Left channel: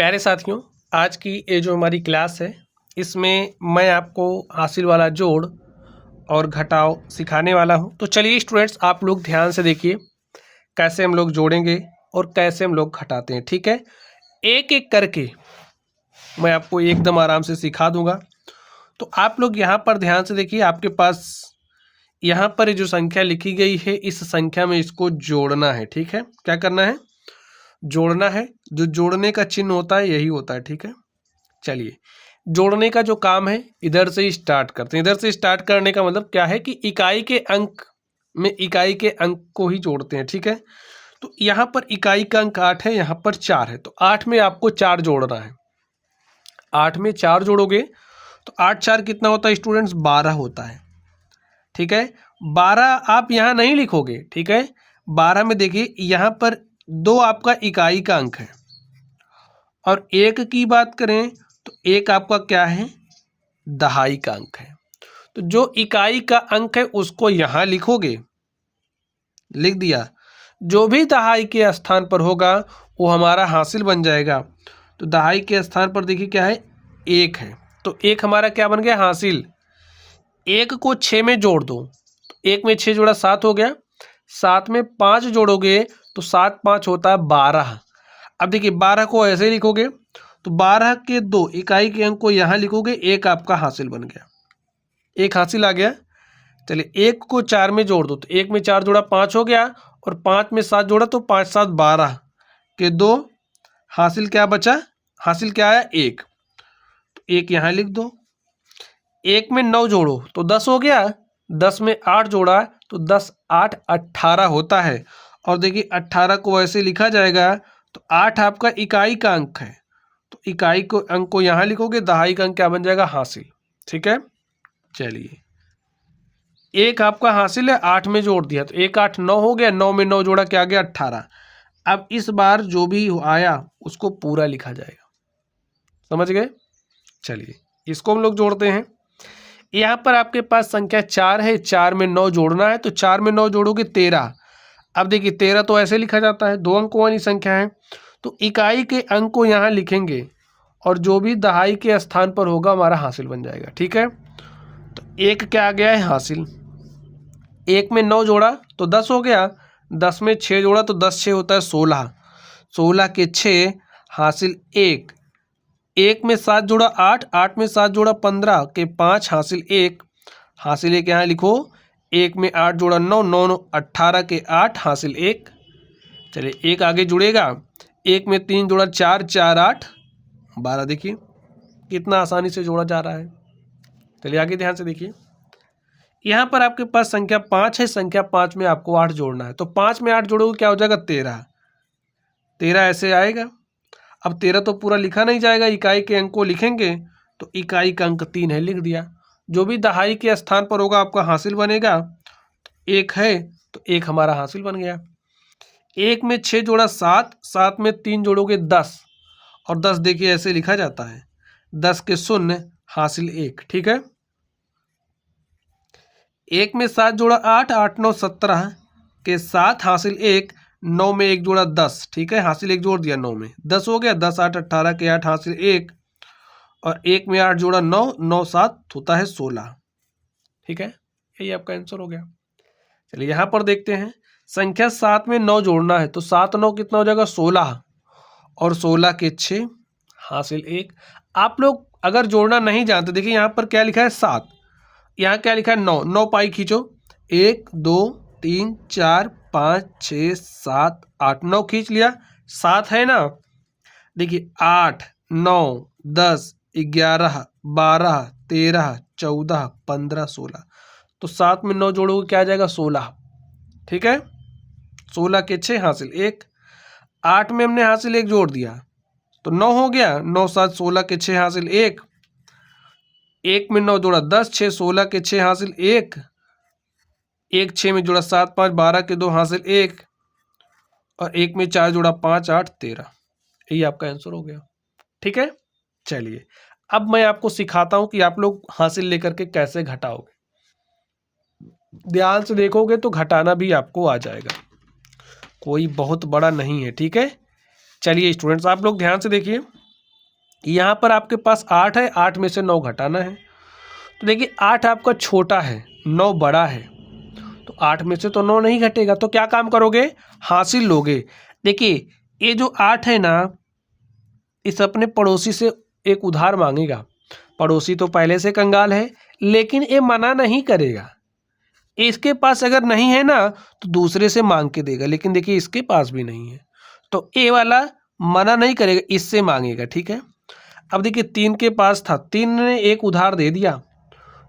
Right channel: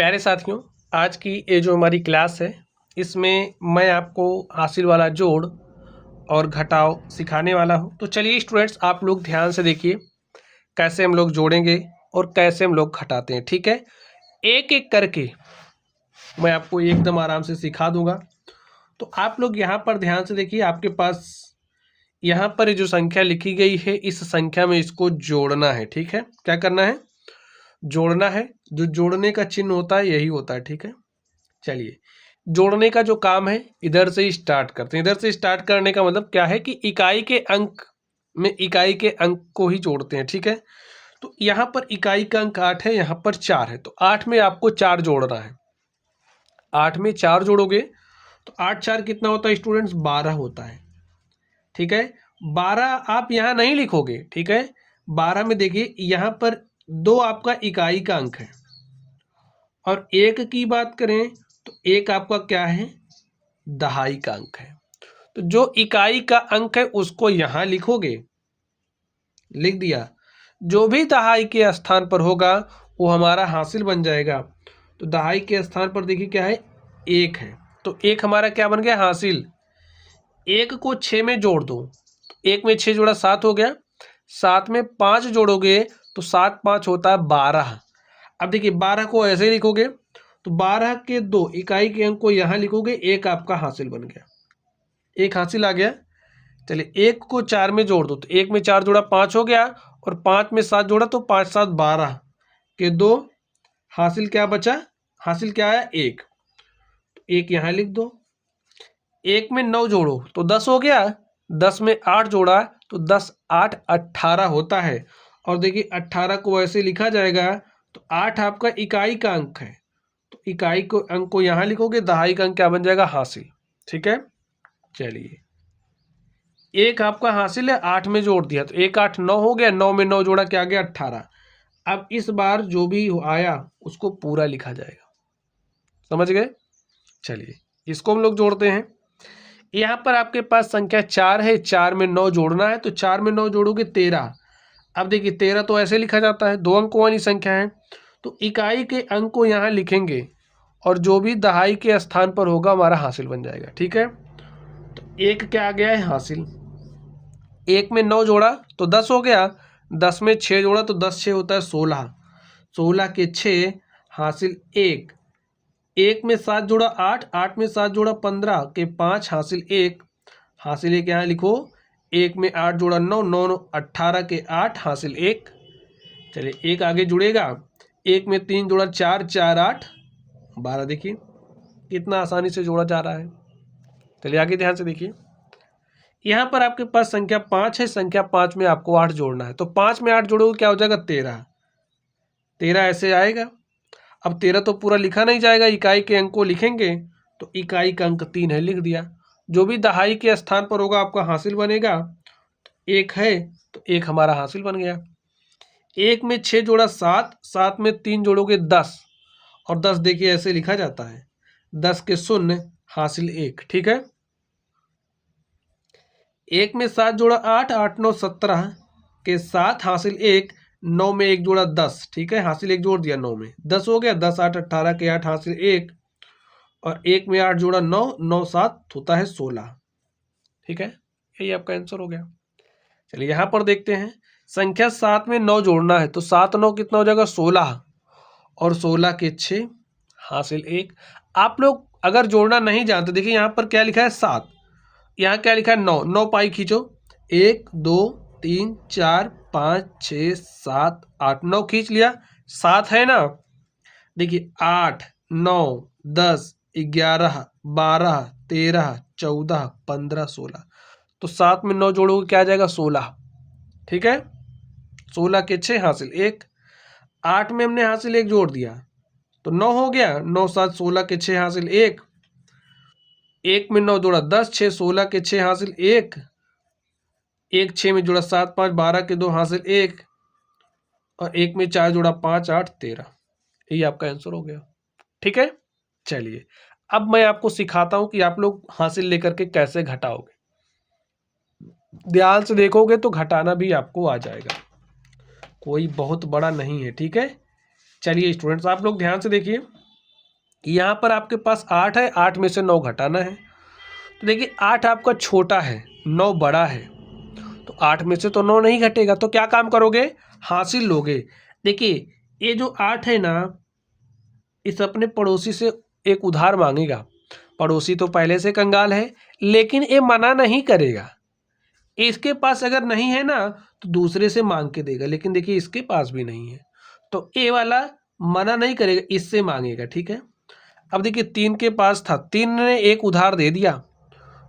प्यारे साथियों, आज की ये जो हमारी क्लास है इसमें मैं आपको हासिल वाला जोड़ और घटाव सिखाने वाला हूं। तो चलिए स्टूडेंट्स, आप लोग ध्यान से देखिए कैसे हम लोग जोड़ेंगे और कैसे हम लोग घटाते हैं। ठीक है, एक एक करके मैं आपको एकदम आराम से सिखा दूंगा। तो आप लोग यहाँ पर ध्यान से देखिए, आपके पास यहाँ पर ये जो संख्या लिखी गई है इस संख्या में इसको जोड़ना है। ठीक है, क्या करना है? जोड़ना है। जो जोड़ने का चिन्ह होता है यही होता है। ठीक है, चलिए जोड़ने का जो काम है इधर से ही स्टार्ट करते हैं। इधर से स्टार्ट करने का मतलब क्या है कि इकाई के अंक में इकाई के अंक को ही जोड़ते हैं। ठीक है, तो यहाँ पर इकाई का अंक 8 है, यहाँ पर 4 है, तो 8 में आपको 4 जोड़ना है। 8 में 4 जोड़ोगे तो 8 4 कितना होता है स्टूडेंट्स? 12 होता है। ठीक है, 12 आप यहाँ नहीं लिखोगे। ठीक है, 12 में देखिए यहाँ पर 2 आपका इकाई का अंक है और 1 की बात करें तो 1 आपका क्या है? दहाई का अंक है। तो जो इकाई का अंक है उसको यहां लिखोगे, लिख दिया। जो भी दहाई के स्थान पर होगा वो हमारा हासिल बन जाएगा। तो दहाई के स्थान पर देखिए क्या है? 1 है, तो 1 हमारा क्या बन गया? हासिल। 1 को 6 में जोड़ दो, 1 में 6 जोड़ा 7 हो गया। 7 में 5 जोड़ोगे तो 7 5 होता है 12। अब देखिए 12 को ऐसे लिखोगे तो 12 के 2 इकाई के अंक को यहाँ लिखोगे, 1 आपका हासिल बन गया। 1 हासिल आ गया। चलिए 1 को 4 में जोड़ दो, तो 1 में 4 जोड़ा 5 हो गया और 5 में 7 जोड़ा तो 5 7 12 के 2 हासिल क्या बचा? हासिल क्या आया? 1। तो 1 यहाँ लिख दो। 1 में 9 जोड़ो तो 10 हो गया। 10 में 8 जोड़ा तो 10 8 18 होता है। और देखिए 18 को ऐसे लिखा जाएगा, तो 8 आपका इकाई का अंक है, तो इकाई को अंक को यहाँ लिखोगे, दहाई का अंक क्या बन जाएगा? हासिल। ठीक है, चलिए 1 आपका हासिल है, 8 में जोड़ दिया तो 1 8 9 हो गया। 9 में 9 जोड़ा क्या आ गया? 18। अब इस बार जो भी आया उसको पूरा लिखा जाएगा। समझ गए? चलिए इसको हम लोग जोड़ते हैं। यहाँ पर आपके पास संख्या 4 है, 4 में 9 जोड़ना है, तो 4 में 9 जोड़ोगे 13। अब देखिए 13 तो ऐसे लिखा जाता है, 2 अंकों वाली संख्या है, तो इकाई के अंक को यहाँ लिखेंगे और जो भी दहाई के स्थान पर होगा हमारा हासिल बन जाएगा। ठीक है, तो 1 क्या आ गया है? हासिल। 1 में 9 जोड़ा तो 10 हो गया। 10 में 6 जोड़ा तो 10 6 होता है 16। 16 के 6 हासिल 1। 1 में 7 जोड़ा 8, 8 में 7 जोड़ा 15 के 5 हासिल 1। हासिल 1 यहाँ लिखो। 1 में 8 जोड़ा 9, 9 9 18 के 8 हासिल 1। चलिए 1 आगे जुड़ेगा। 1 में 3 जोड़ा 4, 4 8 12। देखिए कितना आसानी से जोड़ा जा रहा है। चलिए आगे ध्यान से देखिए, यहाँ पर आपके पास संख्या 5 है, संख्या 5 में आपको 8 जोड़ना है, तो 5 में 8 जोड़ोगे क्या हो जाएगा? 13। 13 ऐसे आएगा। अब 13 तो पूरा लिखा नहीं जाएगा, इकाई के अंक को लिखेंगे, तो इकाई का अंक 3 है, लिख दिया। जो भी दहाई के स्थान पर होगा आपका हासिल बनेगा। 1 है तो 1 हमारा हासिल बन गया। 1 में 6 जोड़ा 7, 7 में 3 जोड़ोगे 10 और 10 देखिए ऐसे लिखा जाता है। 10 के 0 हासिल 1। ठीक है, 1 में 7 जोड़ा 8, 8 9 17 के 7 हासिल 1। 9 में 1 जोड़ा 10। ठीक है, हासिल 1 जोड़ दिया, 9 में 10 हो गया। 10 8 18 के 8 हासिल 1 और 1 में 8 जोड़ा 9, 9 7 होता है 16। ठीक है, यही आपका आंसर हो गया। चलिए यहाँ पर देखते हैं, संख्या 7 में 9 जोड़ना है, तो 7 9 कितना हो जाएगा? 16 और 16 के 6 हासिल 1। आप लोग अगर जोड़ना नहीं जानते, देखिए यहाँ पर क्या लिखा है? 7, यहाँ क्या लिखा है? 9। 9 पाई खींचो, 1 2 3 4 5 6 7 8 9 खींच लिया। 7 है ना? देखिए 8 9 10 11 12 13 14 15 16, तो 7 में 9 जोड़ोगे क्या आ जाएगा? 16। ठीक है, 16 के 6 हासिल 1। 8 में हमने हासिल 1 जोड़ दिया तो 9 हो गया। 9 7 16 के 6 हासिल 1। 1 में 9 जोड़ा 10, 6 16 के 6 हासिल 1। 1 6 में जोड़ा 7 5 12 के 2 हासिल 1 और 1 में 4 जोड़ा 5 8 13। यही आपका आंसर हो गया। ठीक है, चलिए अब मैं आपको सिखाता हूं कि आप लोग हासिल लेकर के कैसे घटाओगे। ध्यान से देखोगे तो घटाना भी आपको आ जाएगा, कोई बहुत बड़ा नहीं है। ठीक है, चलिए स्टूडेंट्स आप लोग ध्यान से देखिए, यहाँ पर आपके पास 8 है, 8 में से 9 घटाना है। तो देखिए 8 आपका छोटा है, 9 बड़ा है, तो 8 में से तो 9 नहीं घटेगा, तो क्या काम करोगे, हासिल लोगे। देखिए ये जो 8 है ना, इस अपने पड़ोसी से एक उधार मांगेगा। पड़ोसी तो पहले से कंगाल है, लेकिन ये मना नहीं करेगा। इसके पास अगर नहीं है ना तो दूसरे से मांग के देगा, लेकिन देखिए इसके पास भी नहीं है, तो ये वाला मना नहीं करेगा, इससे मांगेगा, ठीक है। अब देखिए 3 के पास था, 3 ने एक उधार दे दिया,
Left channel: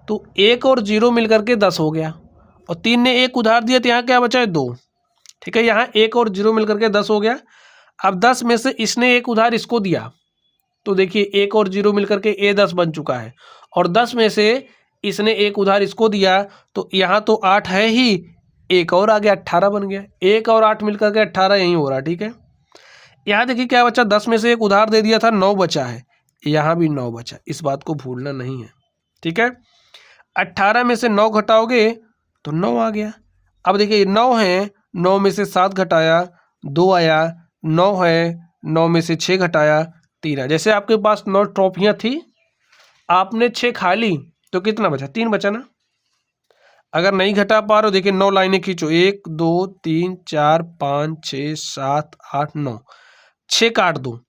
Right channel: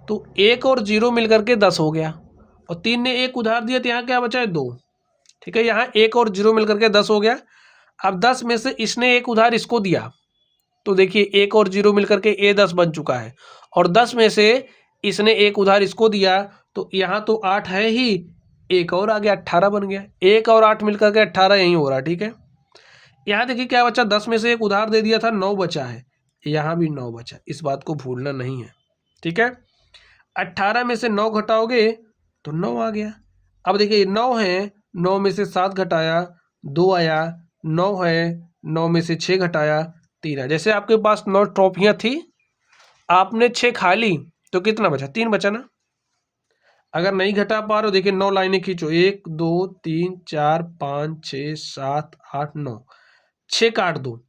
तो 1 और 0 मिलकर के 10 हो गया, और 3 ने एक उधार दिया तो यहाँ क्या बचा है, 2, ठीक है। यहाँ 1 और 0 मिलकर के 10 हो गया। अब 10 में से इसने एक उधार इसको दिया, तो देखिए 1 और 0 मिलकर के ये 10 बन चुका है, और 10 में से इसने एक उधार इसको दिया, तो यहाँ तो 8 है ही, एक और आ गया, 18 बन गया। 1 और 8 मिलकर के 18 यहीं हो रहा, ठीक है। यहाँ देखिए क्या बचा, 10 में से एक उधार दे दिया था, 9 बचा है, यहाँ भी 9 बचा, इस बात को भूलना नहीं है, ठीक है। 18 में से 9 घटाओगे तो 9 आ गया। अब देखिए 9 है, 9 में से 7 घटाया 2 आया, 9 है, 9 में से 6 घटाया 3 आया। जैसे आपके पास 9 ट्रॉफियाँ थी, आपने 6 खा ली, तो कितना बचा, 3 बचा ना। अगर नहीं घटा पा रहे हो, देखिए 9 लाइनें खींचो, 1 2 3 4 5 6 7 8 9, 6 काट दो,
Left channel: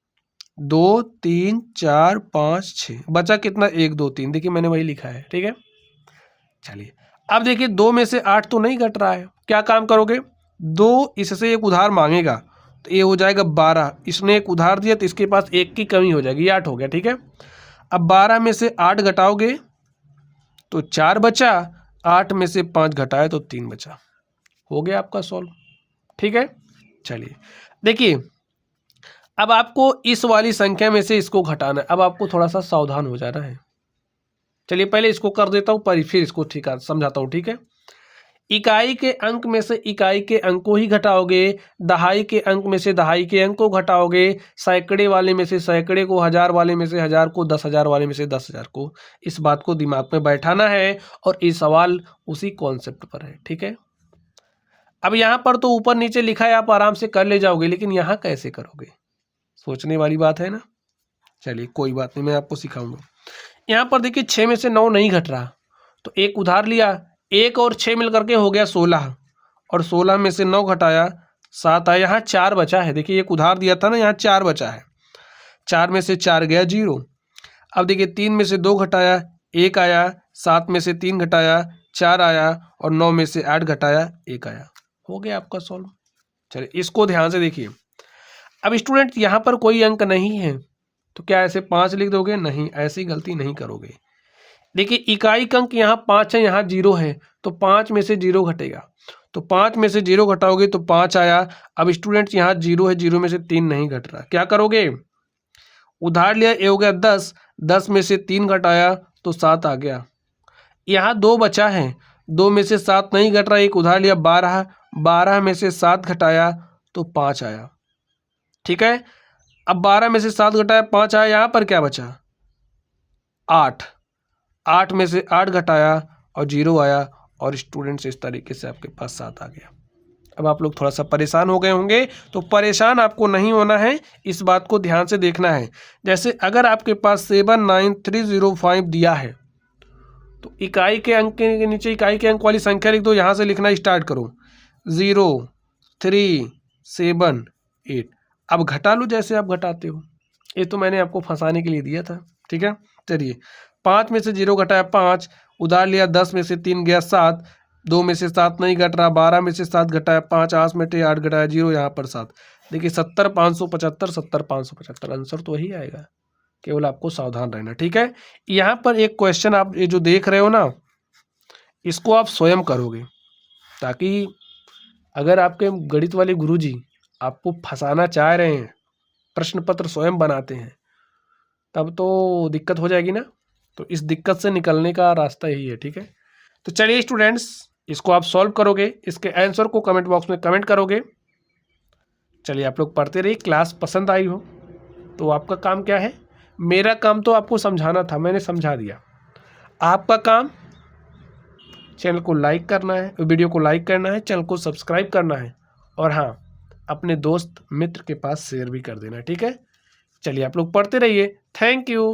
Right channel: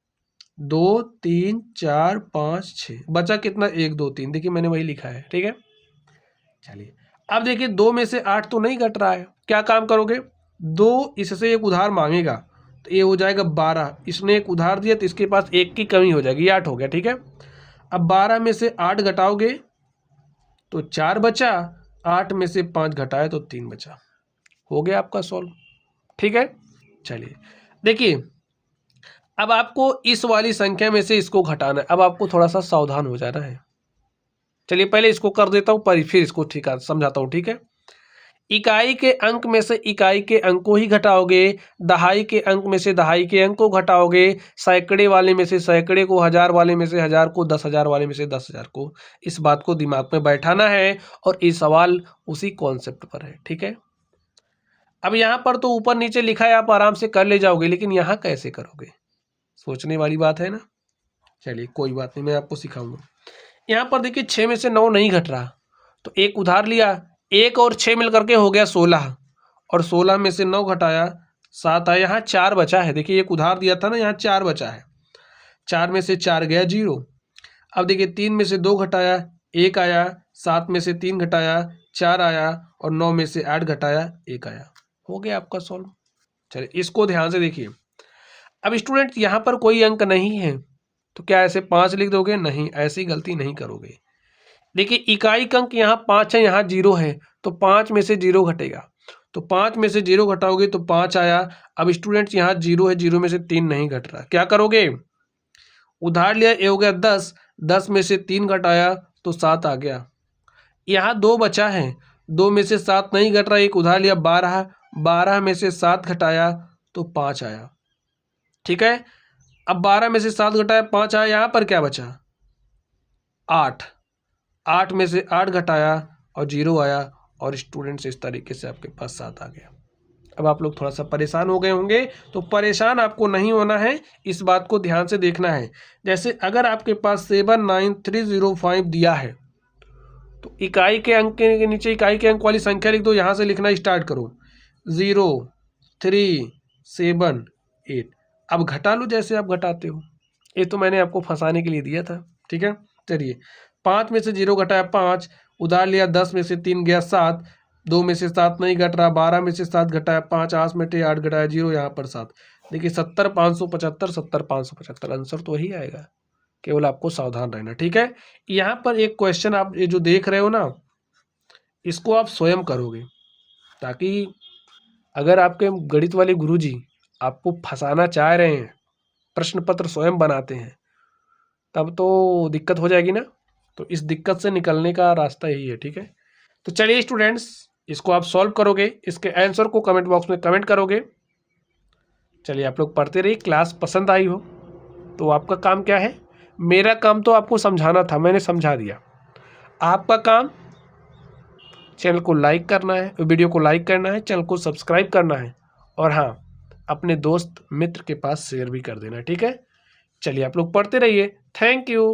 2 3 4 5 6, बचा कितना, 1 2 3, देखिए मैंने वही लिखा है, ठीक है। चलिए अब देखिए 2 में से 8 तो नहीं घट रहा है, क्या काम करोगे, 2 इससे एक उधार मांगेगा, तो ये हो जाएगा 12, इसने एक उधार दिया तो इसके पास 1 की कमी हो जाएगी, 8 हो गया, ठीक है। अब 12 में से 8 घटाओगे तो 4 बचा, 8 में से 5 घटाए तो 3 बचा, हो गया आपका सॉल्व, ठीक है। चलिए देखिए अब आपको इस वाली संख्या में से इसको घटाना है, अब आपको थोड़ा सा सावधान हो जाना है। चलिए पहले इसको कर देता हूँ, पर फिर इसको ठीक है समझाता हूँ, ठीक है। इकाई के अंक में से इकाई के अंक को ही घटाओगे, दहाई के अंक में से दहाई के अंक को घटाओगे, सैकड़े वाले में से सैकड़े को, हजार वाले में से हजार को, 10,000 वाले में से 10,000 को। इस बात को दिमाग में बैठाना है, और ये सवाल उसी कॉन्सेप्ट पर है, ठीक है। अब यहाँ पर तो ऊपर नीचे लिखा है, आप आराम से कर ले जाओगे, लेकिन यहाँ कैसे करोगे, सोचने वाली बात है ना। चलिए कोई बात नहीं, मैं आपको सिखाऊंगा। यहाँ पर देखिए 6 में से 9 नहीं घट रहा, तो एक उधार लिया, 1 और 6 मिल करके हो गया 16, और 16 में से 9 घटाया 7 आया, यहाँ 4 बचा है। देखिए एक उधार दिया था ना, यहाँ 4 बचा है, 4 में से 4 गया 0। अब देखिए 3 में से 2 घटाया 1 आया, 7 में से 3 घटाया 4 आया, और 9 में से 8 घटाया 1 आया, हो गया आपका सॉल्व। चलिए इसको ध्यान से देखिए। अब स्टूडेंट यहाँ पर कोई अंक नहीं है, तो क्या ऐसे 5 लिख दोगे, नहीं, ऐसी गलती नहीं करोगे। देखिए इकाई का अंक यहाँ 5 है, यहाँ 0 है, तो 5 में से 0 घटेगा, तो 5 में से 0 घटाओगे तो 5 आया। अब स्टूडेंट्स यहाँ 0 है, 0 में से 3 नहीं घट रहा, क्या करोगे, उधार लिया, ये हो गया 10, 10 में से 3 घटाया तो 7 आ गया। यहाँ 2 बचा है, 2 में से 7 नहीं घट रहा, एक उधार लिया 12, 12 में से 7 घटाया तो 5 आया, ठीक है। अब 12 में से 7 घटाया 5 आया, यहाँ पर क्या बचा, 8, 8 में से 8 घटाया और 0 आया, और स्टूडेंट्स इस तरीके से आपके पास 7 आ गया। अब आप लोग थोड़ा सा परेशान हो गए होंगे, तो परेशान आपको नहीं होना है, इस बात को ध्यान से देखना है। जैसे अगर आपके पास 79305 दिया है, तो इकाई के अंक के नीचे इकाई के अंक वाली संख्या लिख दो, यहाँ से लिखना स्टार्ट करो, 0 3 7 8। अब घटा लो जैसे आप घटाते हो, ये तो मैंने आपको फंसाने के लिए दिया था, ठीक है। चलिए 5 में से 0 घटाया 5, उधार लिया 10 में से 3 गया 7, 2 में से 7 नहीं घट रहा, 12 में से 7 घटाया 5, 8 में से 8 घटाया 0, यहाँ पर 7। देखिए 70,575, 70,575 आंसर तो वही आएगा, केवल आपको सावधान रहना, ठीक है। यहाँ पर एक क्वेश्चन आप ये जो देख रहे हो ना, इसको आप स्वयं करोगे, ताकि अगर आपके गणित वाले गुरुजी आपको फंसाना चाह रहे हैं, प्रश्न पत्र स्वयं बनाते हैं, तब तो दिक्कत हो जाएगी ना। तो इस दिक्कत से निकलने का रास्ता यही है, ठीक है। तो चलिए स्टूडेंट्स, इसको आप सॉल्व करोगे, इसके आंसर को कमेंट बॉक्स में कमेंट करोगे। चलिए आप लोग पढ़ते रहिए, क्लास पसंद आई हो तो आपका काम क्या है, मेरा काम तो आपको समझाना था, मैंने समझा दिया। आपका काम चैनल को लाइक करना है, वीडियो को लाइक करना है, चैनल को सब्सक्राइब करना है, और हाँ अपने दोस्त मित्र के पास शेयर भी कर देना, ठीक है। चलिए आप लोग पढ़ते रहिए। Thank you.